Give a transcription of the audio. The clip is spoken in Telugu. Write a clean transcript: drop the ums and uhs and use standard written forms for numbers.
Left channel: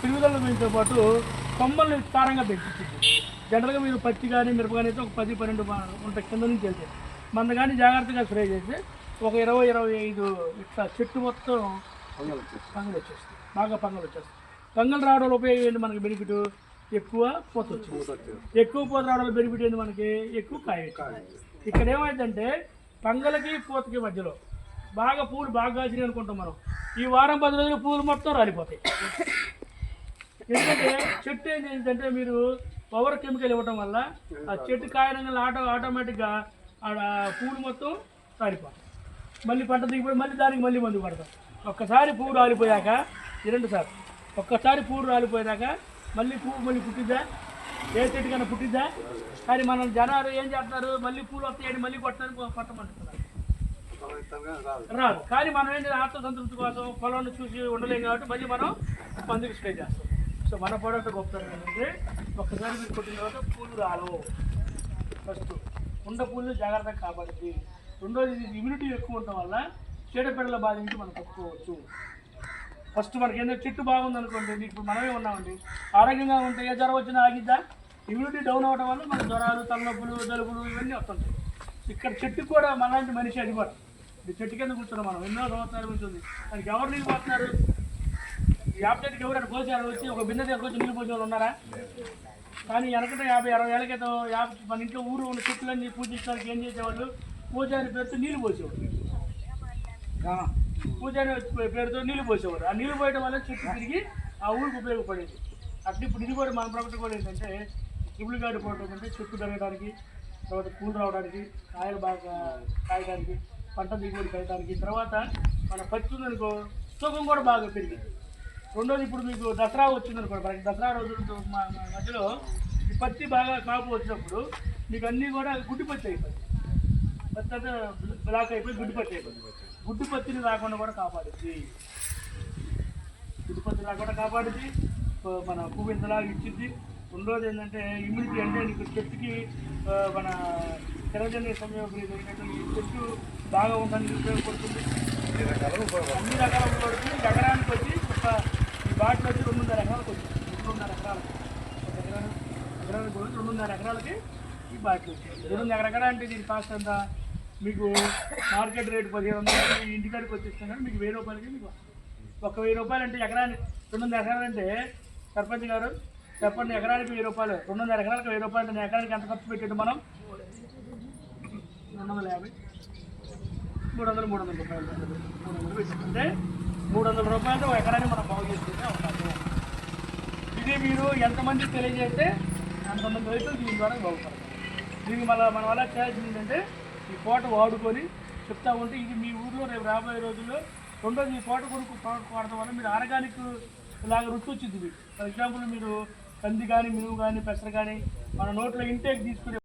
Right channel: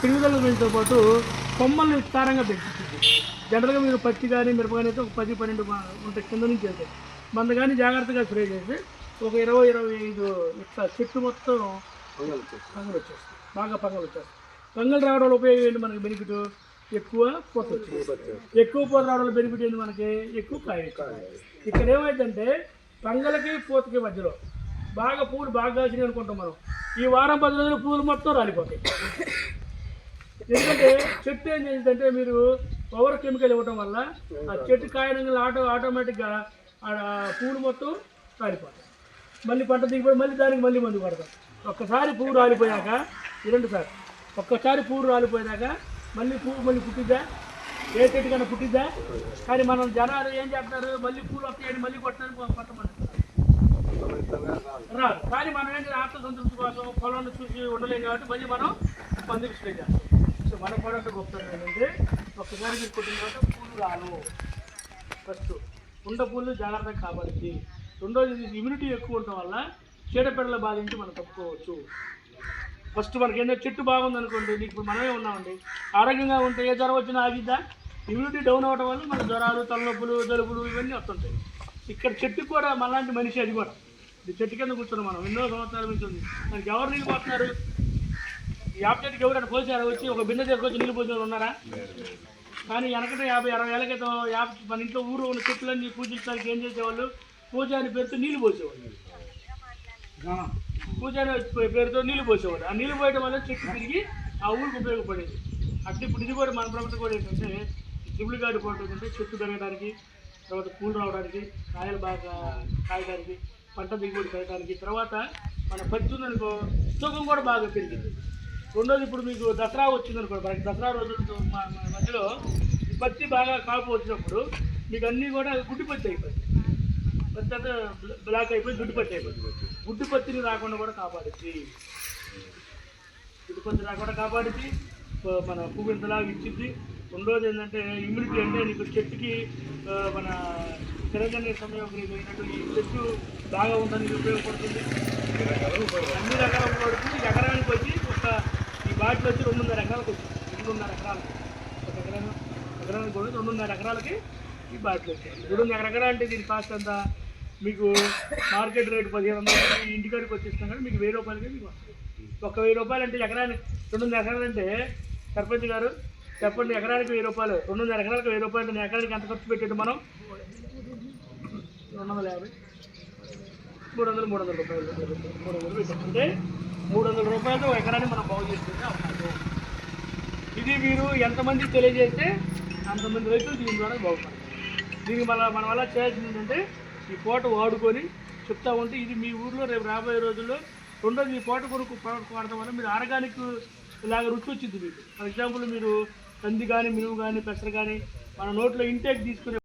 శనగలతో పాటు కొమ్మల్ని విస్తారంగా పెంచుతుంది. జనరల్గా మీకు పత్తి కానీ మిరప కానీ అయితే ఒక 10-12 ఉంటాయి కింద నుంచి అయితే మన కానీ జాగ్రత్తగా స్ప్రే చేసి ఒక 20-25 ఇట్లా చెట్టు మొత్తం పంగలు వచ్చేస్తుంది. బాగా పంగలు వచ్చేస్తుంది. పంగలు రావడం వల్ల ఉపయోగం ఏంటి? మనకి బెనిఫిట్ ఎక్కువ పూత వచ్చేస్తుంది. ఎక్కువ పూత రావడం వల్ల బెనిఫిట్ ఏంటి? మనకి ఎక్కువ కాయ. ఇక్కడ ఏమైందంటే పంగలకి పూతకి మధ్యలో బాగా పూలు బాగా కాసినాయి అనుకుంటాం మనం. ఈ వారం 10 రోజులు పూలు మొత్తం రాలిపోతాయి. ఎందుకంటే చెట్టు ఏం చేసిందంటే మీరు పవర్ కెమికల్ ఇవ్వటం వల్ల ఆ చెట్టు కాయడంగా ఆటోమేటిక్గా పూలు మొత్తం రాలిపోతాయి. మళ్ళీ పంట దిగిపోయి మళ్ళీ దానికి మళ్ళీ మందు పడతాం. ఒక్కసారి పువ్వు రాలిపోయాక 2 సార్లు ఒక్కసారి పువ్వు రాలిపోయాక మళ్ళీ పువ్వు మళ్ళీ పుట్టిద్దా? ఏ చెట్టు కన్నా పుట్టిద్దా? కానీ మనం జనాలు ఏం చేస్తున్నారు? మళ్ళీ పూలు వస్తాయని మళ్ళీ పట్టమంటున్నారు. రాదు. కానీ మనం ఏంటంటే ఆత్మసంతృప్తి కోసం పొలాన్ని చూసి ఉండలేం కాబట్టి మళ్ళీ మనం పందుకు స్ప్రే చేస్తాం. సో మన ప్రోడక్ట్ గొప్పతనం ఏంటంటే ఒక్కసారి మీరు కొట్టిన తర్వాత పూలు రావు. ఫస్ట్ ఉండ పూలు జాగ్రత్తగా కాపాడుతుంది. రెండోది ఇమ్యూనిటీ ఎక్కువ ఉండటం వల్ల చీడపీడల బాధ నుంచి మనం తప్పుకోవచ్చు. ఫస్ట్ మనకి ఏంటంటే చెట్టు బాగుంది అనుకోండి, ఇప్పుడు మనమే ఉన్నామండి, ఆరోగ్యంగా ఉంటే ఏ జ్వరం వచ్చినా ఆగిద్దా? ఇమ్యూనిటీ డౌన్ అవ్వడం వల్ల మన జ్వరాలు, తలనొప్పులు, జలుబులు ఇవన్నీ వస్తుంటాయి. ఇక్కడ చెట్టు కూడా మనలాంటి మనిషి అది కూడా. చెట్టు కింద కూర్చున్నాం మనం ఎన్నో సంవత్సరాల నుంచి ఉంది. దానికి ఎవరు నీళ్ళు పోతున్నారు? యాప్ చెట్టుకి ఎవరైనా పోసారు? వచ్చి ఒక బిన్నె తీసుకొచ్చి నీళ్ళు పోసే వాళ్ళు ఉన్నారా? కానీ వెనకటే 50-60 ఏళ్ళ క్రితం మన ఇంట్లో ఊరు ఉన్న చెట్లన్నీ పూజించడానికి ఏం చేసేవాళ్ళు? పూజారి పేరుతో నీళ్ళు పోసేవాళ్ళు. పూజారి పేరుతో నీళ్ళు పోసేవారు. ఆ నీళ్ళు పోయడం వల్ల చెట్టు తిరిగి ఆ ఊరికి ఉపయోగపడేది. అట్లా ఇప్పుడు ఇది కూడా మన ప్రభుత్వం కూడా ఏంటంటే ట్రిపుల్ గార్డు పోవడం ఏంటంటే చెట్టు పెరగడానికి, తర్వాత పూలు రావడానికి, కాయలు బాగా కాయడానికి, పంట దిగుబడి పెరగడానికి, తర్వాత మన పత్తి అనుకో తూకం కూడా బాగా పెరిగింది. రెండోది ఇప్పుడు మీకు దసరా వచ్చిందనుకోండి, మనకి దసరా రోజుల మధ్యలో ఈ పత్తి బాగా కాపు వచ్చినప్పుడు మీకు అన్నీ కూడా గుడ్డి పత్తి అయిపోతుంది. పత్తి అంతా బ్లాక్ అయిపోయి గుడ్డి పత్తి అయిపోతుంది. గుడ్డు పత్తిని రాకుండా కూడా కాపాడుద్ది. గుడ్డు పత్తి రాకుండా కాపాడుద్ది, మన పువ్వులాగా ఇచ్చింది. రెండోది ఏంటంటే ఇమ్యూనిటీ, అంటే నీకు చెట్టుకి మన తిరగని సంయోగం ఈ చెట్టు బాగా ఉండడానికి ఉపయోగపడుతుంది. అన్ని రకాల ఉపయోగపడుతుంది. ఎకరానికి వచ్చి ఒక ఈ బాటిల్ వచ్చి 2.5 ఎకరాలకు వచ్చింది. 2.5 ఎకరాలు 2.5 ఎకరాలకి ఈ బాటిల్ వచ్చింది. 2.5 ఎకరా అంటే దీని కాస్ట్ ఎంత? మీకు మార్కెట్ రేట్ 1500, మీ ఇంటికాడికి వచ్చేస్తాం కానీ మీకు 1000 రూపాయలకి మీకు వస్తుంది. 1000 రూపాయలు అంటే ఎకరానికి 2.5 ఎకరాలు అంటే సర్పంచ్ గారు చెప్పండి, ఎకరానికి 1000 రూపాయలు, 2.5 ఎకరాలకు 1000 రూపాయలు అంటే ఎకరానికి ఎంత ఖర్చు పెట్టేది మనం? 250, 300 రూపాయలు పెట్టండి. 300 రూపాయలు ఎకరాన్ని మనం బాగు చేసుకుంటే అవకాశం. ఇది మీరు ఎంతమందికి తెలియజేస్తే అంతమంది రైతులు దీని ద్వారా బాగుపడతారు. దీనికి మన వల్ల చేయాల్సింది ఏంటంటే ఈ పూట వాడుకొని చెప్తా ఉంటే ఇది మీ ఊరిలో రేపు రాబోయే రోజుల్లో రెండోది ఈ పూట కొడుకు వాడటం వల్ల మీరు ఆర్గానిక్ ఇలాగ రుచి వచ్చింది మీకు. ఫర్ ఎగ్జాంపుల్ మీరు కంది కానీ, మినుము కానీ, పెసర కానీ మన నోట్లో ఇంటేక్ తీసుకునే